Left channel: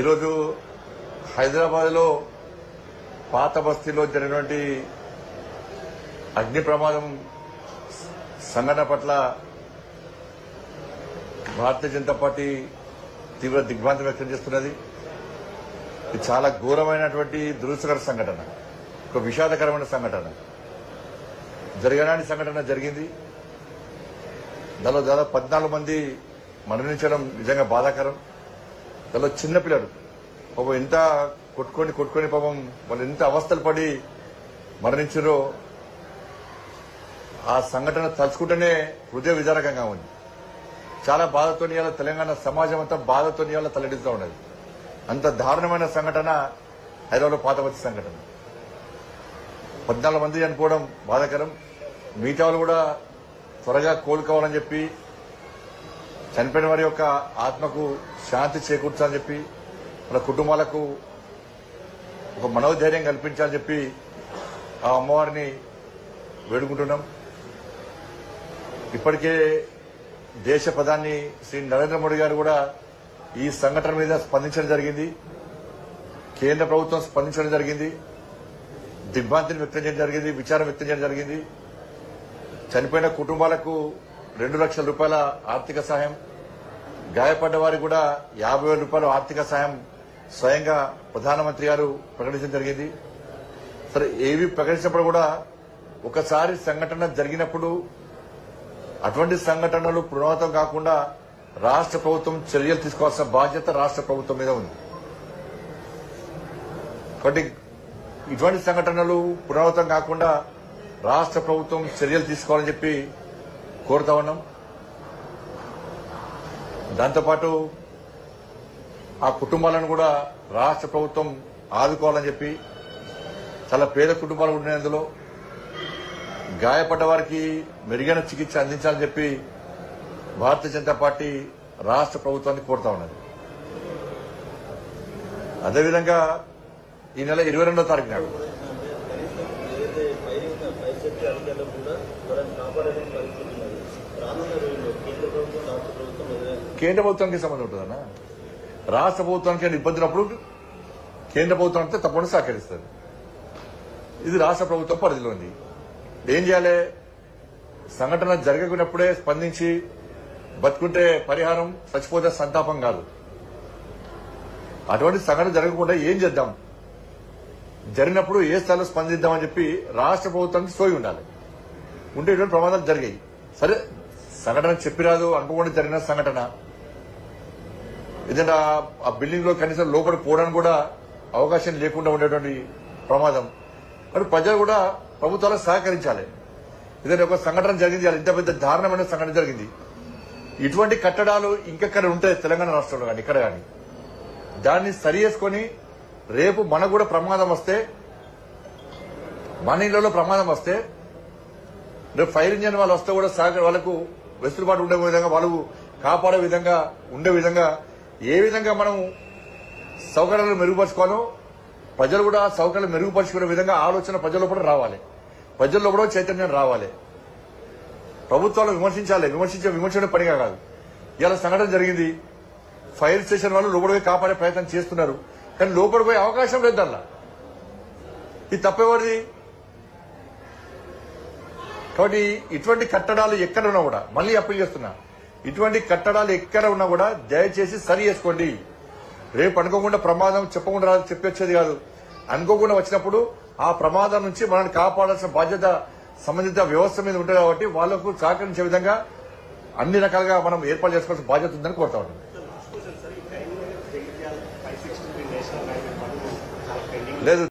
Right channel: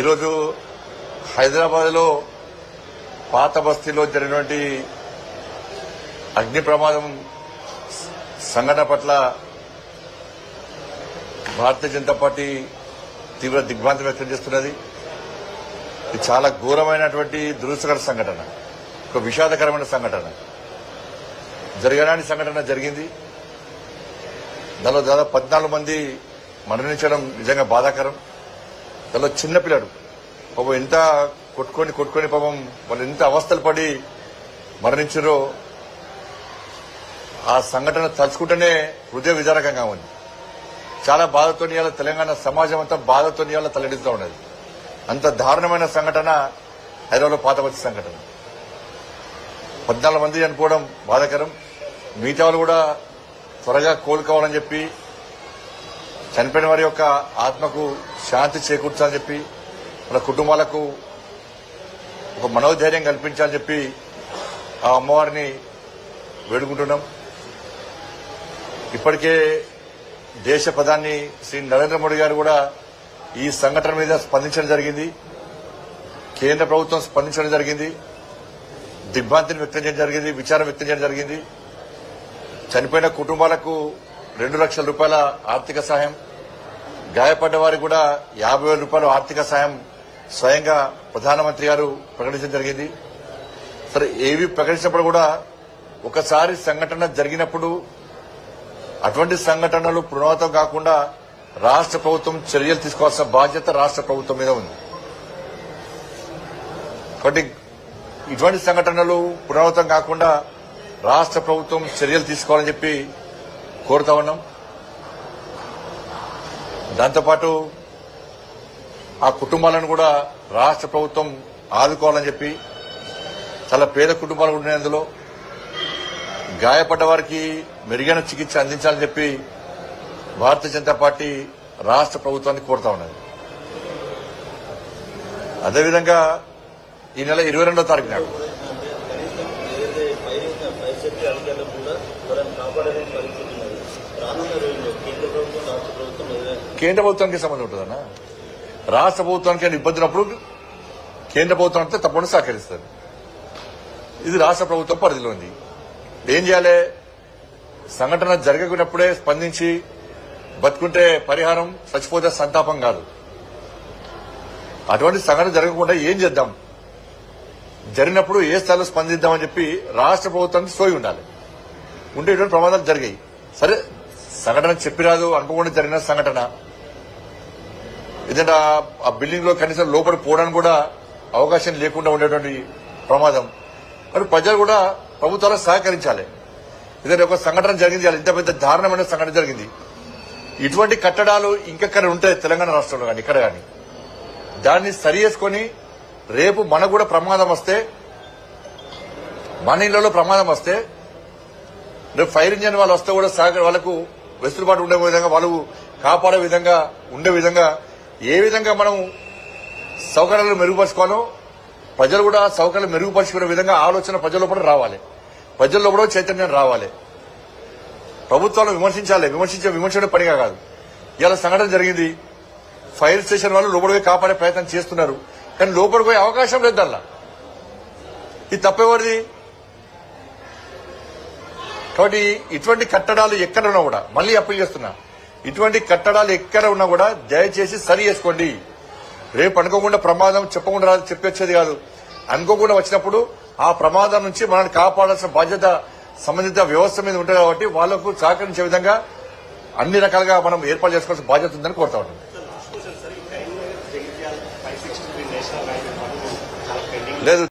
ఈరోజు హైదరాబాద్ లో పాత బస్తీలో జరిగినటువంటి అగ్ని ప్రమాదం సంఘటన పట్ల భారతీయ జనతా పార్టీ తీవ్ర దిగ్భ్రాంతి వ్యక్తం చేస్తున్నది. ఇది చాలా ఘోరమైనటువంటి దురదృష్టకర సంఘటన, ఒక విషాదకరమైన సంఘటన. జరగరాని సంఘటన జరిగింది. దానిలో దాదాపు 14 మంది మరణించడం నిజంగా బాధాకరం. దానిలో చిన్నపిల్లలు పాపం ఎంత కొట్టుకొని పాపం వాళ్ళు ఎంత అవస్థలు పడి మరణించారో ఆ సంఘటన తలుచుకుంటేనే హృదయ విదారకంగా ఉంది. చాలా బాధతో ఇవాళ తెలంగాణ సమాజం అంతా బాధతో ఇవాళ తలెడుతూ ఉన్నది. అంత దారుణమైన సంఘటన హైదరాబాద్లో పాతబస్తీ సంఘటన. 14 మంది చనిపోవడం బాధాకరం. మిగతా వాళ్ళు కూడా త్వరగా కోలుకోవాలని చెప్పి, చనిపోయిన వారి యొక్క ఆత్మకు శాంతి చేకూర్చాలని చెప్పి, వాళ్ళ కుటుంబాలకు ఒక మనోధైర్యం కల్పించాలని చెప్పి ఆ అమ్మవారిని వేడుకుంటున్నాం. ఇప్పటికే దేశ ప్రధాని శ్రీ నరేంద్ర మోడీ గారు కూడా ఈ సంఘటన మీద స్పందించడం జరిగింది. కేంద్ర ప్రభుత్వం స్పందించడం జరిగింది. దిగ్భ్రాంతిని వ్యక్తం చేయడం జరిగింది, విచారం వ్యక్తం చేయడం జరిగింది. చనిపోయిన కుటుంబాలకు 2 లక్షల రూపాయల ఆర్థిక సాయం, గాయపడ్డ వారికి కూడా 50,000 రూపాయల ఆర్థిక సాయం స్వయంగా ప్రధానమంత్రి గారు ప్రకటించడం జరిగింది. సరే, ఏవి ప్రకటించినప్పుడు కూడా ఒకసారి సంఘటన జరిగినప్పుడు అటువంటి సంఘటనలు పునరావృతం కాకుండా రాష్ట్ర ప్రభుత్వం చర్యలు తీసుకోవాల్సిన బాధ్యత రాష్ట్ర ప్రభుత్వం మీద ఉంది. కాబట్టి ఇటువంటి సంఘటనలు పునరావృతం కాకుండా రాష్ట్ర ప్రభుత్వం చర్యలు తీసుకోవాలని చెప్పి కోరుతా ఉన్నాం. దాంతోపాటు ఆ కుటుంబాలను కూడా రాష్ట్ర ప్రభుత్వం ఆదుకోవాలని చెప్పి, చాలా పేద కుటుంబాలు ఉన్నాయి అందులో, గాయపడ్డ వారికి మెరుగైన చికిత్స అందించాలని చెప్పి భారతీయ జనతా పార్టీ రాష్ట్ర ప్రభుత్వాన్ని కోరుతా ఉన్నది. అదేవిధంగా ఈ నెల 22వ తారీఖు నాడు కేంద్ర ప్రభుత్వానికి సంబంధం ఉంటుందన్నా. రాష్ట్ర ప్రభుత్వానికి ఇబ్బంది ఉన్నప్పుడు కేంద్ర ప్రభుత్వం అంటే తప్పకుండా సహకరిస్తారు. ఇది రాష్ట్ర ప్రభుత్వం పరిధిలో ఉంది. ఏం చేయాలి? సంఘటన జరగకున్నప్పుడే స్పందించి బతుకుంటే పరిహారం, చచ్చిపోతే సంతాపం కాదు. అటువంటి సంఘటన జరగకుండా ఏం చేద్దాం, జరిగినప్పుడు ఏ స్థాయిలో స్పందిద్దామని చెప్పి రాష్ట్ర ప్రభుత్వానికి సోయి ఉండాలి. ఉంటే ఇటువంటి ప్రమాదాలు జరిగాయి. సరే, సంఘటన చెప్పిరాదు, అనుకోకుండా జరిగిన సంఘటన. ఎందుకంటే ఆ బిల్డింగ్ లో కనీసం లోపల పోవడానికి కూడా అవకాశం లేకుండా ఉండేటువంటి ప్రమాదం. మరి ప్రజలు కూడా ప్రభుత్వాలకు సహకరించాలి. ఎందుకంటే ఒక సంఘటన జరిగింది, ఇంత పెద్ద దారుణమైన సంఘటన జరిగింది. ఇటువంటి కట్టడాలు ఇంకెక్కడ ఉంటాయి తెలంగాణ రాష్ట్రంలో కానీ ఇక్కడ కానీ. దాన్ని సరి చేసుకుని రేపు మనకు కూడా ప్రమాదం వస్తే, మన ఇళ్లలో ప్రమాదం వస్తే, రేపు ఫైర్ ఇంజన్ వాళ్ళు వస్తే కూడా వాళ్ళకు వెసులుబాటు ఉండే విధంగా, వాళ్ళు కాపాడే విధంగా ఉండే విధంగా ఏ విధంగా మనం సౌకర్యాలు మెరుగుపరుచుకోవాలో ప్రజలు కూడా సౌకర్యాలు మెరుగుపరుచుకునే విధంగా ఆలోచన ప్రజల్లో కూడా రావాలి. ప్రజల్లో కూడా చైతన్యం రావాలి. ప్రభుత్వాలు విమర్శించాలి. విమర్శించే పనిగా కాదు. ఇలా సంఘటన జరిగింది, ఫైర్ స్టేషన్ వాళ్ళు లోపలికి కాపాడే ప్రయత్నం చేస్తున్నారు, కానీ లోపలికి పోయే అవకాశం లేదు దానిలో. ఇది తప్పేవారిది. కాబట్టి ఇటువంటి కట్టడాలు ఎక్కడ ఉన్నా కూడా, మళ్ళీ అప్పీల్ చేస్తున్నా, ఇటువంటి కట్టడాలు ఎక్కడ ఉన్నా కూడా దయచేసి సరి చేసుకోండి. రేపు అనుకోకుండా ప్రమాదం చెప్పకుండా చెప్పొచ్చేది కాదు. అనుకోకుండా వచ్చినప్పుడు ఆ ప్రమాదం నుంచి మనల్ని కాపాడాల్సిన బాధ్యత సంబంధిత వ్యవస్థ మీద ఉంటుంది. కాబట్టి వాళ్లకు సహకరించే విధంగా అన్ని రకాలుగా మనం ఏర్పాటు చేసుకోవాల్సిన బాధ్యత ఉందని కోరుతా ఉన్నాం. లేదు